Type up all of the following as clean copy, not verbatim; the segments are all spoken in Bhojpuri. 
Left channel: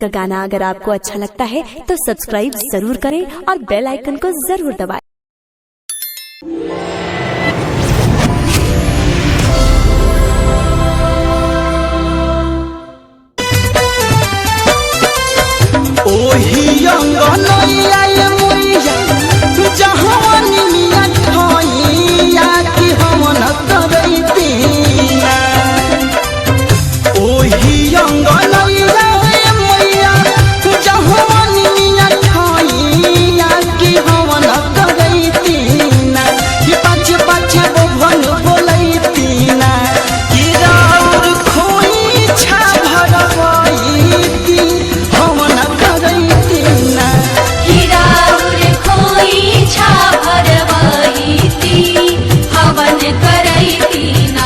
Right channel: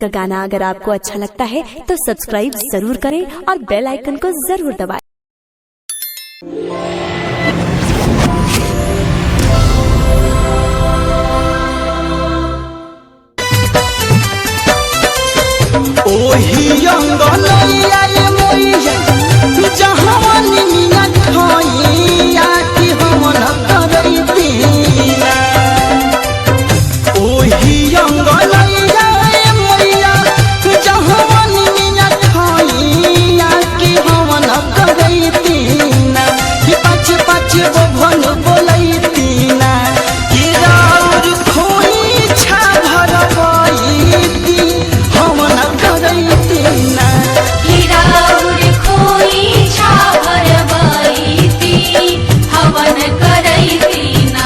का गाना अगर आपको अच्छा लगता है तो सब्सक्राइब जरूर करें और बेल आइकन को जरूर दबाएं। ओही अंगनैया मैया जहवानी मिया खैया कि हमन करैतीना। ओही अंगनैया मैया जहवानी मिया खैया कि हमन करैतीना। कि पाछे पाछे बभन बोलैतीना कि राउर खोई छा भरबैती हमन करैतीना। हिराउर खोई छा भरबैती हवन करैतीना।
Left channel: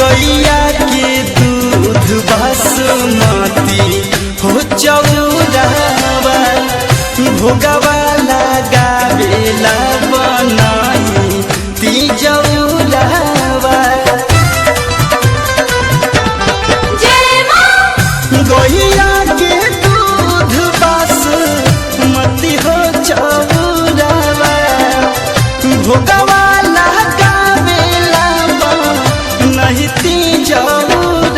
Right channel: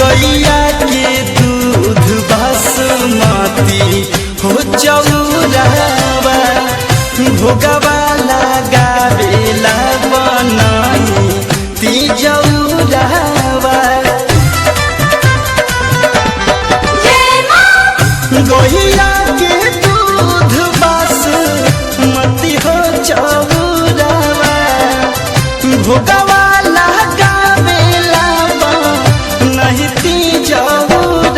गैया के दूध बासमती हो चौरावा भोगवा लगावेला बनाई तिजौरावा। गैया के दूध बासमती हो चौरावा भोगवा लगावेला नहीं तिजौरावा।